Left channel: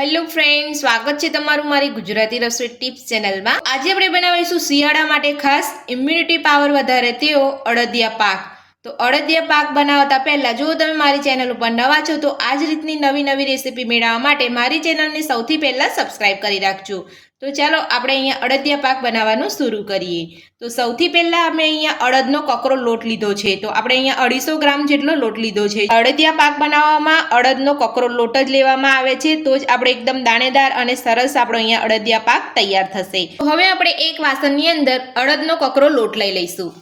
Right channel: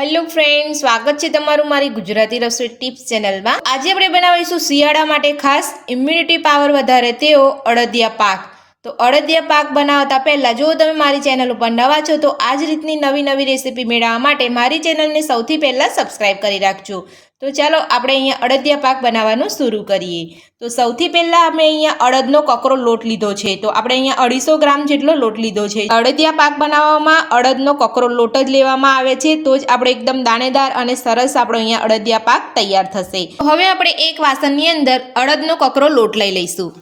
Hello friend, સ્વાગત છે તમારું મારી ગુજરાતી રસોઈ ટિપ્સ ચેનલમાં। આજે આપણે બનાવીશું શિયાળા માટે ખાસ ઇમ્યુનિટી પાવર વધારે તેવો અડદિયા પાક। તો અડદિયા પાક બનાવતા પહેલાં જો તમે મારી ચેનલ ઉપર નવા છો તો આ જ રીતની નવી રેસીપી મેળવવા માટે મારી ચેનલને સૌથી પહેલાં સબસ્ક્રાઈબ કરી રાખજો। તો ચાલો આપણે અહીંયા અડદિયા પાક બનાવવાનું શરૂ કરીએ। તો સૌથી પહેલાં અમે અહીંયા અડદનો કકરો લોટ લીધો છે। તો આપણે અહીંયા 250 ગ્રામ જેટલો લોટ લીધો છે। અડદિયા પાક બનાવવામાં અડદનો કકરો લોટ જ લેવામાં આવે છે, તો જ આપણે એકદમ દાણેદાર અને સરસ આપણો અહીંયા અડદિયા પાક તૈયાર થશે। હવે આપણે એક વાસણની અંદર અડદનો કકરો લોટ લઈ લઈશું।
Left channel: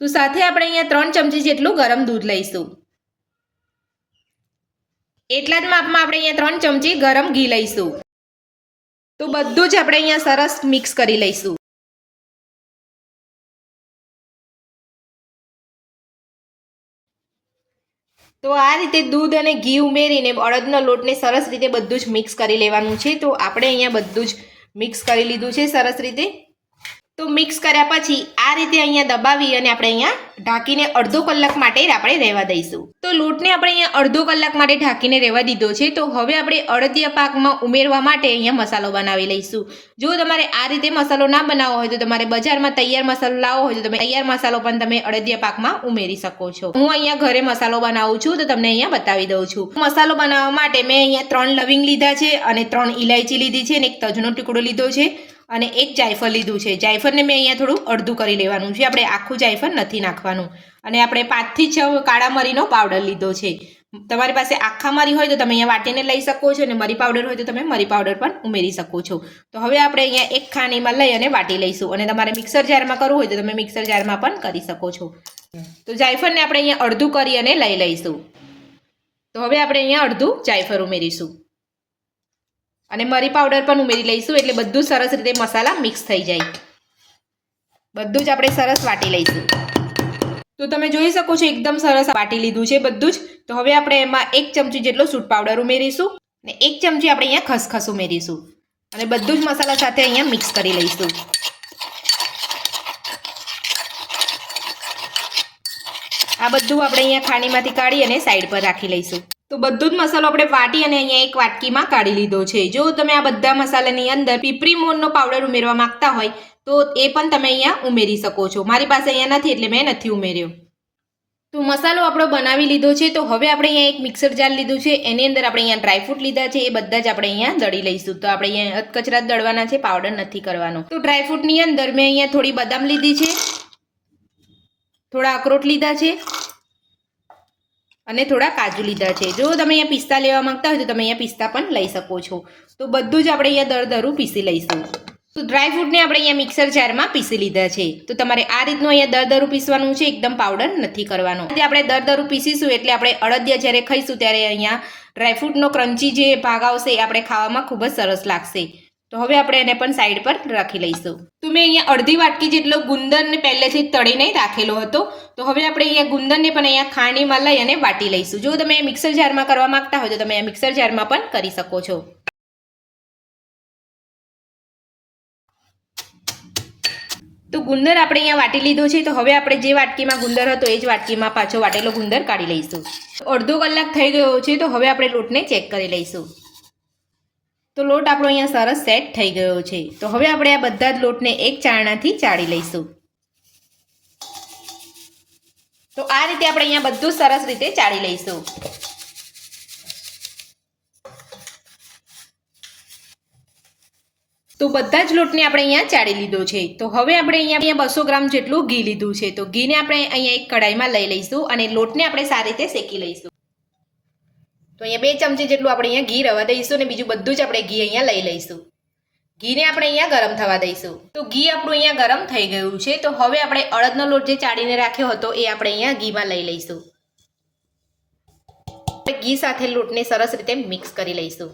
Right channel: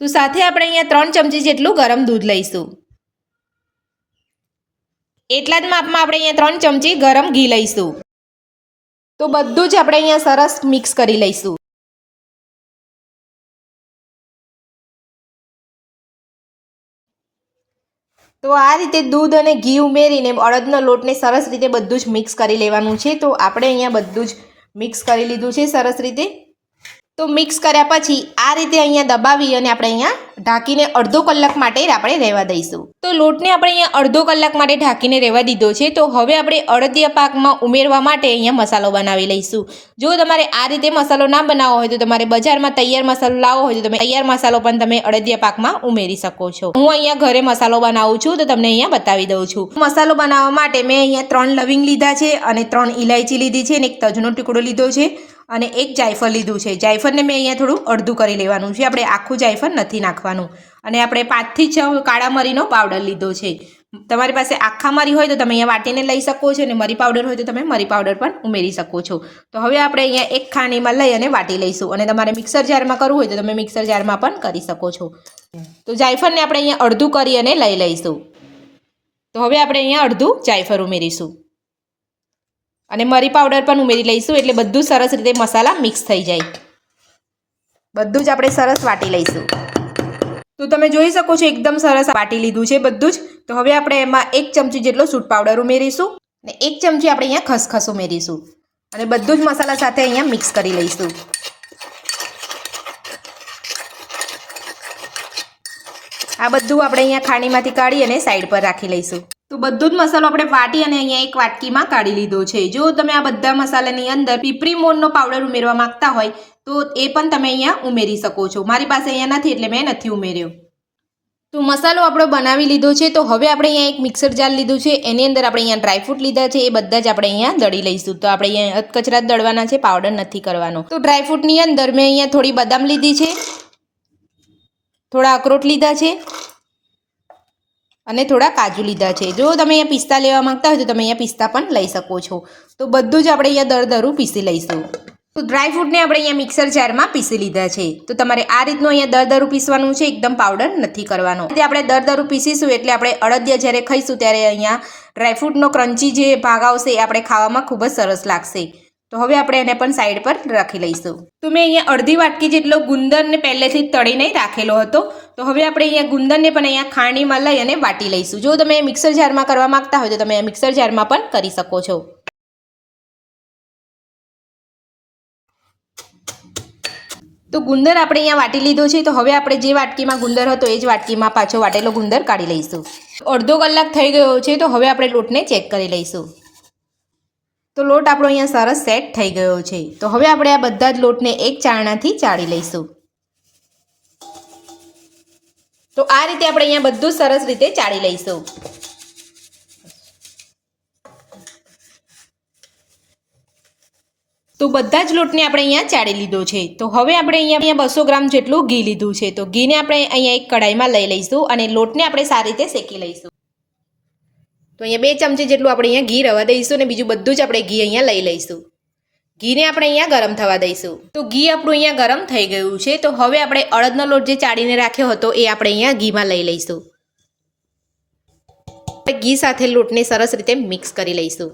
તો સાથે આપણે અહીંયા 3 ચમચી જેટલું ગરમ દૂધ લઈશું। એટલા જ માપમાં આપણે અહીંયા 3 ચમચી ગરમ ઘી લઈશું। તો બધું જ આપણે અહીંયા સરસ મિક્સ કરી લઈશું। તો આ રીતે દૂધ અને ઘી ઉમેરીને અડદના લોટને સરસ રીતે બધું જ મિક્સ કરી લેવાનું છે। તો આપણે અહીંયા બધું જ મિક્સ કરી લીધું છે સરસ રીતે। તો મિક્સ કર્યા પછી આ રીતે અહીંયા દબાવી અને આપણે અહીંયા ઢાંકીને અડધો કલાક માટે આપણે રહેવા દઈશું। તો લોટને આપણે અહીંયા અડધો કલાક માટે ઢાંકીને રહેવા દીધો છે। તો હવે આપણે અડદિયા પાકમાં ઉમેરવા માટે અહીંયા મસાલો બનાવી લઈશું। જો તમારે આ રીતે મસાલો ના બનાવવો હોય તો તમારે બજારમાં તૈયાર મસાલો લાવવો હોય તો તમે તૈયાર મસાલો પણ તમે અડદિયા પાકમાં ઉમેરી શકો છો। હું અહીંયા ઘરે મસાલો બનાવું છું તો તમને અહીંયા બતાવી દઉં છું। મસાલો બનાવવા માટે મેં અહીંયા 3 લવિંગ લીધા છે અને 3 ઇલાયચી લીધી છે અને એક તજનો ટુકડો લીધો છે અને એક જાયફળ લીધું છે। જાયફળને મેં અહીંયા થોડું અડધું કરી લેવાનું છે, આપણે આખું જાયફળ નથી નાખવાનું। અને આપણે 5 થી 6 કાળા મરીનો પાવડર લીધો છે। તમારી પાસે આખા મરી હોય તો તમે અહીંયા વાટીને લઈ શકો છો અને મરી પાવડર હોય તો તમે મરી પાવડર પણ ઉમેરી શકો છો। તો હવે આપણે અહીંયા એક ખાણીમાં લઈ અને વાટી લઈશું અને તમારે મિક્સર જારમાં કરવું હોય તો તમે મિક્સર જારમાં પણ કરી શકો છો। તો જાયફળને આપણે અહીંયા અડધું કરી અને લઈ લઈશું। તો હવે આપણે અહીંયા અડધું જાયફળ ઉમેરીશું અને મરી પાવડર પણ ઉમેરી લઈશું, એટલે બધું સરસ રીતે મસાલા મિક્સ થઈ જાય। બધું જ આપણે સરસ વાટી લઈશું। તો તમે જોઈ શકો છો એકદમ સરસ વાટી લીધું છે બધું જ। તો હવે આપણે એમાં 1 ચમચી જેટલો સૂંઠ પાવડર ઉમેરીશું અને 1 ચમચી આપણે અહીંયા ખસખસ ઉમેરીશું અને બધું જ મસાલા સાથે અહીંયા મિક્સ કરી લઈશું। આ બધું આપણે અહીંયા ખાણીમાંથી કાઢી અને સાઈડ પર રાખી લઈશું। તો બધું જ મસાલો આપણે વાટી અને અહીંયા એક વાટકીમાં કાઢી લીધો છે। જો તમે આ બધા મસાલાની અંદર પીપરી મોરનો પાવડર ઉમેરવા માંગતા હોય તો એ પણ તમે અહીંયા ઉમેરી શકો છો। મારી પાસે અહીંયા નથી એટલે મેં નથી ઉમેર્યો। તો મસાલો આપણો બનાવી લીધો છે। તો હવે આપણે અહીંયા એક મિક્સર જાર લીધું છે, એની અંદર આપણે અહીંયા ડ્રાયફ્રૂટ લીધા છે, એ બધા જ આપણે અહીંયા દળી લઈશું। તો આપણે અહીંયા અધકચરા દળવાના છે, પાવડર નથી કરવાનો। તો ડ્રાયફ્રૂટની અંદર મેં અહીંયા થોડી બદામ લીધી છે, થોડા અખરોટ લીધા છે અને થોડા કાજુ લીધા છે। જો તમે અહીંયા પિસ્તા લેવા માંગતા હોય તો તમે અહીંયા પિસ્તા પણ લઈ શકો છો। તો બધું જ આપણે અહીંયા દરદરું પીસી લઈશું। તો ડ્રાયફ્રૂટને આપણે અહીંયા મિક્સર જારમાં પીસી લીધા છે। તો તમારે આ રીતનું અહીંયા દરદરું પીસવાનું છે, એકદમ પાવડર નથી કરવાનો। આપણે દરદરું પીસીશું એટલે આપણે અડદિયા જ્યારે ખાઈશું ત્યારે અહીંયા ડ્રાયફ્રૂટનો ક્રન્ચી જે ભાગ આવશે એ આપણે ખાવામાં ખૂબ જ સરસ લાગશે। તો હવે આપણે એને પણ સાઈડ પર રાખી લઈશું। તો મેં અહીંયા અડધી વાટકી જેટલો ગુંદરને પહેલેથી તળીને રાખેલો હતો। તો હવે આપણે અહીંયા ગુંદરને પણ અહીંયા ખાણીમાં લઈ અને વાટી લઈશું। જો તમે મિક્સર જારમાં કરવા માંગતા હોય તો તમે મિક્સર જારમાં પણ કરી શકો છો। તો ગુંદર આપણે અહીંયા વાટી લીધો છે। તો હવે આપણે જે વાટકીમાં ગુંદર હતો એ જ વાટકીમાં પાછો વાટેલો ગુંદર કાઢી લઈશું। અડધો કલાક થઈ ગયો છે, તો હવે આપણે લોટને ચેક કરી લઈશું। તો લોટ આપણો અહીંયા સરસ સેટ થઈ ગયો છે। તો હવે આપણે આ બધા જ લોટને એક ચાળણાથી ચાળી લઈશું। તો આ રીતે આપણે અહીંયા બધું સરસ રીતે ચાળી લઈશું। તો બધા જ લોટને આપણે અહીંયા ચાળી લીધો છે। તો હવે આપણે અહીંયા 200 ગ્રામ જેટલું ઘી લીધું છે। તો ઘીને આપણે અહીંયા એક કઢાઈમાં લઈ લઈશું અને લોટને આપણે સારી રીતે શેકી લઈશું। તો અહીંયા 2 ચમચી જેટલું આપણે અહીંયા ઘી રવા દઈશું અને બીજું બધું જ આપણે ઘી અહીંયા લઈ લઈશું। ઘીને આપણે અહીંયા ગરમ થવા દઈશું। તો ઘી આપણું અહીંયા ગરમ થઈ ગયું છે। તો હવે આપણે અડદનો લોટ જે ચાળીને રાખ્યો હતો એ આપણે અહીંયા ઘીમાં લઈ લઈશું। ઘી સાથે લોટને સરસ રીતે મિક્સ કરી લઈશું।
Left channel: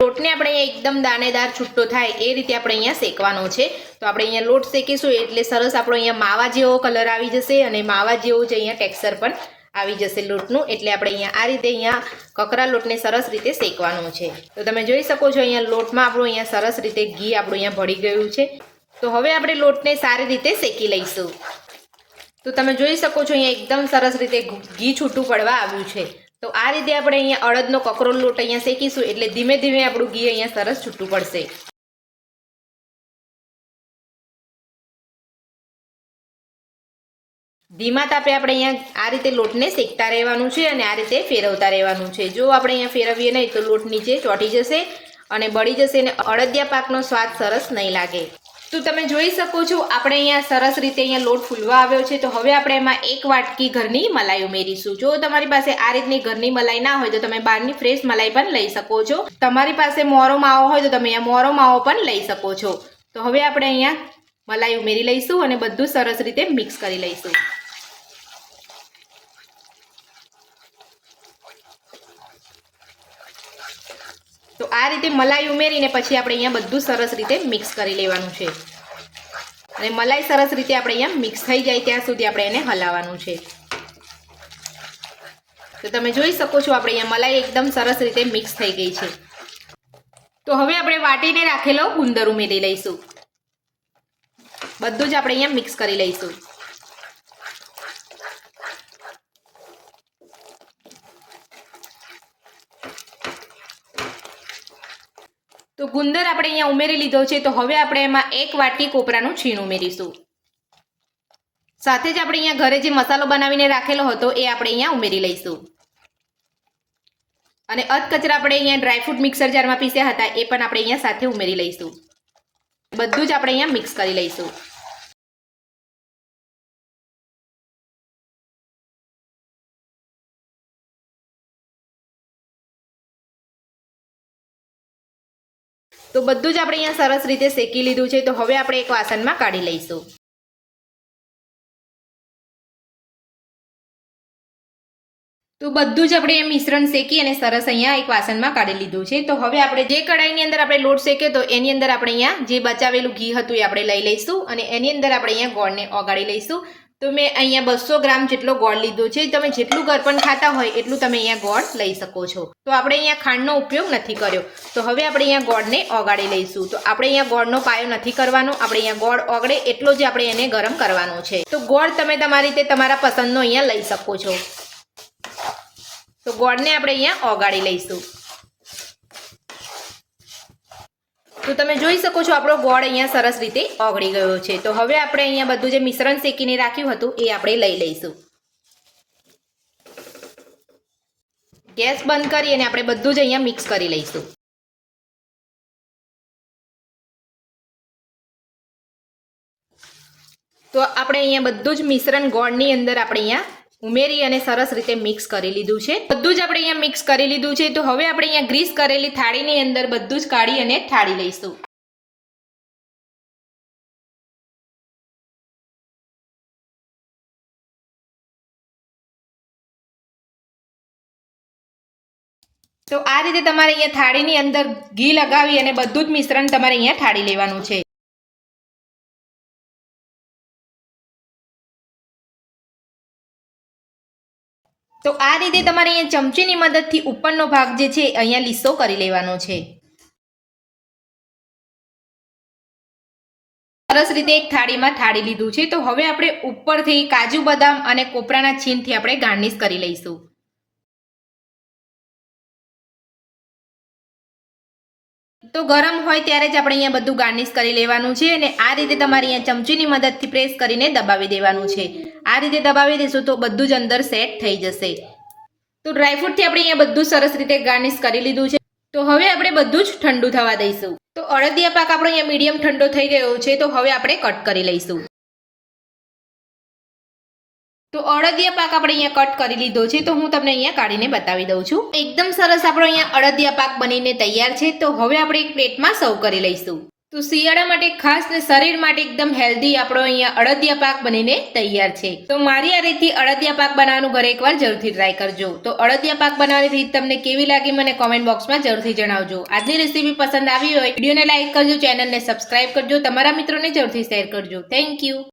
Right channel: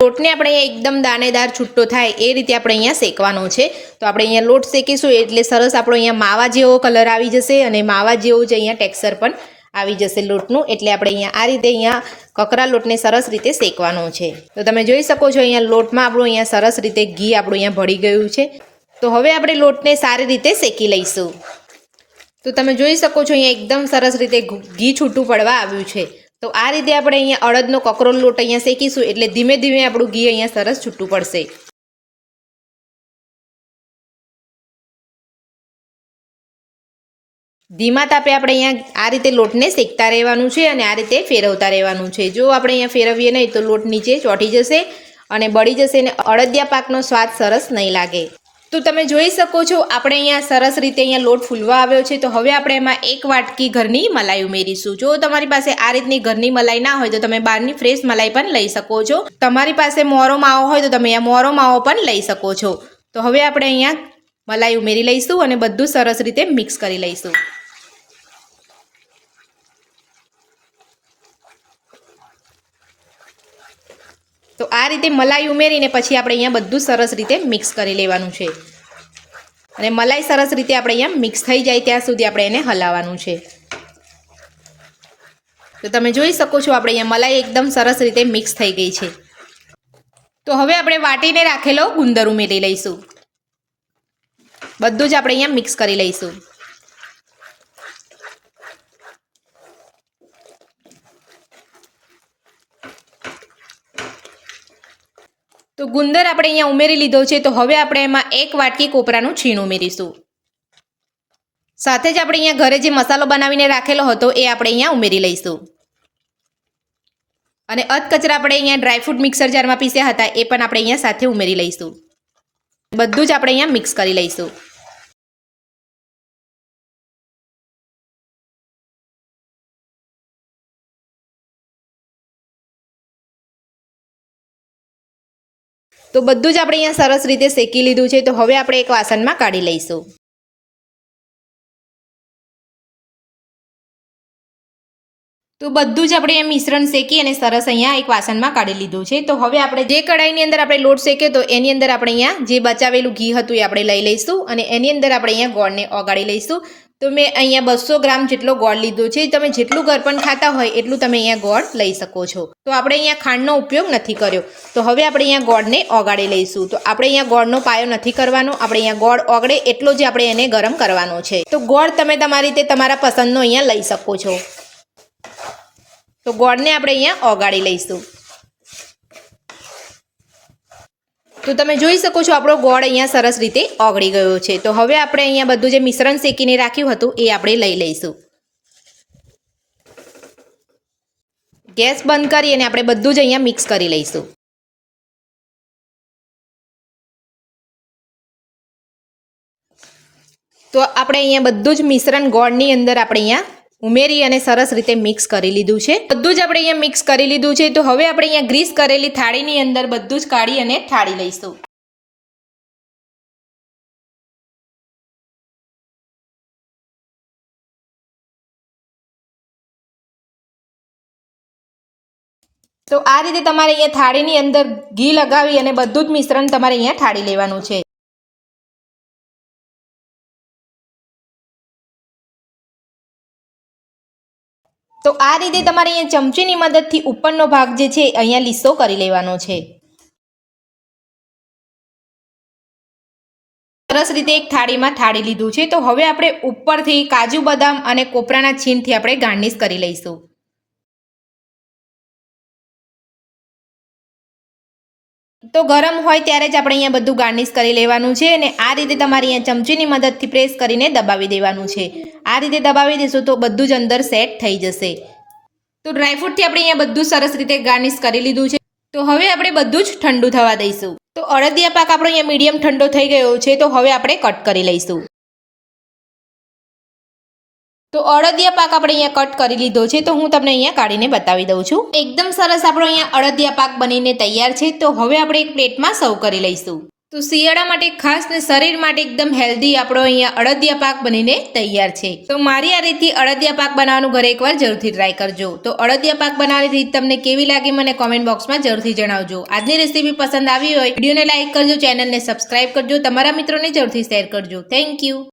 લોટને આપણે એકદમ દાણેદાર છૂટો થાય એ રીતે આપણે અહીંયા શેકવાનો છે। તો આપણે અહીંયા લોટ શેકીશું એટલે સરસ આપણો અહીંયા માવા જેવો કલર આવી જશે અને માવા જેવો જ અહીંયા ટેક્સચર પણ આવી જશે લોટનું. એટલે આપણે અહીંયા આ રીતે અહીંયા કકરા લોટને સરસ રીતે શેકવાનું છે. તો તમે જોઈ શકો છો અહીંયા લોટમાં આપણું અહીંયા સરસ રીતે ઘી આપણું અહીંયા ભળી ગયું છે. તો હવે આપણે લોટને સારી રીતે શેકી લઈશું. તો તમે જોઈ શકો છો અહીંયા એકદમ સરસ રીતે ઘી છૂટું પડવા આવ્યું છે. તો આ રીતે આપણે અહીંયા અડદનો કકરો લોટ અહીંયા શેકીશું એટલે ધીમે ધીમે આપણું ઘી અહીંયા સરસ છૂટું પડશે. ધીમા તાપે આપણે અહીંયા આ રીતે લોટને શેકતા રહેવાનું છે અને આ રીતે ફેરવતા રહેવાનું છે. જો આપણે અહીંયા ફેરવીએ નહીં તો લોટ નીચે ચોંટી જશે અને બળી જશે અને અડદિયા પાકનો સ્વાદ સરસ નહીં લાગે. તો તમે જોઈ શકો છો આપણે અહીંયા સરસ રીતે અહીંયા લોટ ફૂલવા આવ્યો છે. તો હવે આપણે એમાં 1 વાટકી ઘરની મલાઈ ઉમેરીશું. જો તમારી પાસે આ રીતની ઘરની મલાઈ ના હોય તો તમે બહારની ફ્રેશ મલાઈ પણ લઈ શકો છો. તમારી પાસે મોરો માવો હોય તો તમે અહીંયા મોરો માવો પણ લઈ શકો છો. તો હવે આપણે અહીંયા મલાઈ ઉમેરી લઈશું અને બધું સરસ રીતે મિક્સ કરી લઈશું. તો આ રીતે મલાઈ ઉમેરીને પછી આપણે અહીંયા બધું સરસ રીતે મિક્સ કરી લેવાનું છે અને મલાઈ સરસ રીતે આપણે અહીંયા મિક્સ થઈ જાય ત્યાં સુધી આપણે એને હલાવવાનું છે. તો તમે જોઈ શકો છો આપણે અહીંયા મલાઈ એકદમ સરસ રીતે મિક્સ થઈ ગઈ છે. તો હવે આપણે વાટીને રાખેલો ગુંદર ઉમેરી લઈશું. બધું જ આપણે અહીંયા મિક્સ કરી લઈશું. તો ગુંદર આપણે અહીંયા ઉમેરી લીધો છે. તો હવે આપણે એમાં 1 વાટકી કોપરાનું છીણ ઉમેરીશું. સાથે જ આપણે અહીંયા ઘરે જે મસાલો બનાવીને રાખેલો હતો એ આપણે અહીંયા ઉમેરી લઈશું. અને અધકચરા આપણે અહીંયા ડ્રાયફ્રૂટ મિક્સર જારમાં પીસ્યા હતા એ પણ આપણે અહીંયા સાથે ઉમેરી લઈશું. બધું જ આપણે અહીંયા મિક્સ કરી લઈશું. તો બધું જ આપણે અહીંયા સરસ રીતે શેકી લીધું છે. તો હવે આપણે એક વાસણમાં કાઢી લઈશું. તો બધું જ આપણે મિશ્રણ શેકી અને સરસ અહીંયા એક વાસણમાં કાઢી લીધું છે. તો હવે આપણે જે કઢાઈની અંદર આપણે લોટ શેક્યો તો એની અંદર આપણે અહીંયા જે બચાવેલું ઘી હતું એ આપણે લઈ લઈશું અને એની અંદર આપણે અહીંયા ગોળને ઓગાળી લઈશું. તો મેં અહીંયા 200 ગ્રામ જેટલો ગોળ લીધો છે. તમે જેટલું ગળપણ ખાતા હોય એટલું તમે અહીંયા ગોળ લઈ શકો છો. તો આપણે અહીંયા ખાંડનો ઉપયોગ નથી કર્યો. તો હવે આપણે અહીંયા ગોળને ઓગાળી લઈશું. તો આપણે અહીંયા ગોળનો પાયો નથી કરવાનો. આપણે અહીંયા ગોળ ઓગળે એટલો જ આપણે એને ગરમ કરવાનો છે. તો ગોળ તમે તમારી રીતે તમારા પસંદનો અહીંયા લઈ શકો છો. તો ગોળને આપણે અહીંયા ઓગાળી લઈશું. તો તમે જોઈ શકો છો આપણો ગોળ અહીંયા સરસ રીતે ઓગળી ગયો છે. તો હવે આપણે અહીંયા બધું જે મિશ્રણ શેકીને રાખ્યું હતું એ આપણે લઈ લઈશું. ગેસ બંધ કરી અને આપણે બધું જ અહીંયા મિક્સ કરી લઈશું. તો આપણે અહીંયા બધું જ મિશ્રણ ગોળની અંદર આપણે અહીંયા ઉમેરી અને સરસ રીતે મિક્સ કરી લીધું છે. બધું જ આપણે અહીંયા મિક્સ કરી લીધું છે. તો હવે આપણે અહીંયા ગ્રીસ કરેલી થાળીની અંદર બધું જ કાઢી અને ઠાળી લઈશું. તો આ રીતે તમારે અહીંયા થાળીની અંદર ઘી લગાવી અને બધું જ મિશ્રણ તમારે અહીંયા ઠાળી લેવાનું છે. તો આ રીતે તમારે અહીંયા ચમચીની મદદથી ઉપરનો ભાગ જે છે અહીંયા લીસો કરી લેવાનો છે. સરસ રીતે એક થાળીમાં ઠાળી લીધું છે. તો હવે આપણે ઉપરથી કાજુ બદામ અને કોપરાના છીણથી આપણે ગાર્નિશ કરી લઈશું. તો ગરમ હોય ત્યારે જ આપણે અહીંયા બધું ગાર્નિશ કરી લેવાનું છે અને આ રીતે તમારે અહીંયા ચમચીની મદદથી પ્રેસ કરીને દબાવી દેવાનું છે. આ રીતે દબાવી દેશો તો બધું જ અંદર સેટ થઈ જશે. તો ડ્રાયફ્રૂટથી આપણે અહીંયા બધું સરસ રીતે ગાર્નિશ કરી લીધું છે. તો હવે આપણે બધું જ ઠંડુ થવા દઈશું. તો અડદિયા પાક આપણો અહીંયા મીડિયમ ઠંડો થઈ ગયો છે. તો હવે આપણે કટ કરી લઈશું. તો અડદિયા પાક આપણે અહીંયા કટ કરી લીધો છે. તો હું તમને અહીંયા કાઢીને બતાવી દઉં છું. એકદમ સરસ આપણો અહીંયા અડદિયા પાક બનીને તૈયાર છે. તો હવે આપણે એક પ્લેટમાં સર્વ કરી લઈશું. તો શિયાળા માટે ખાસ ને શરીર માટે એકદમ હેલ્ધી આપણો અહીંયા અડદિયા પાક બનીને તૈયાર છે. તો મારી આ રીતથી અડદિયા પાક બનાવવાનું ઘરે એકવાર જરૂરથી ટ્રાય કરજો. તો અડદિયા પાક બનાવવાની રીત તમને કેવી લાગી મને કોમેન્ટ બોક્સમાં જરૂરથી જણાવજો. આજની રેસીપી પસંદ આવી હોય વિડીયોને લાઇક કરજો, ચેનલને સબસ્ક્રાઇબ કરજો, તમારા મિત્રોને જરૂરથી શેર કરજો. Thank you.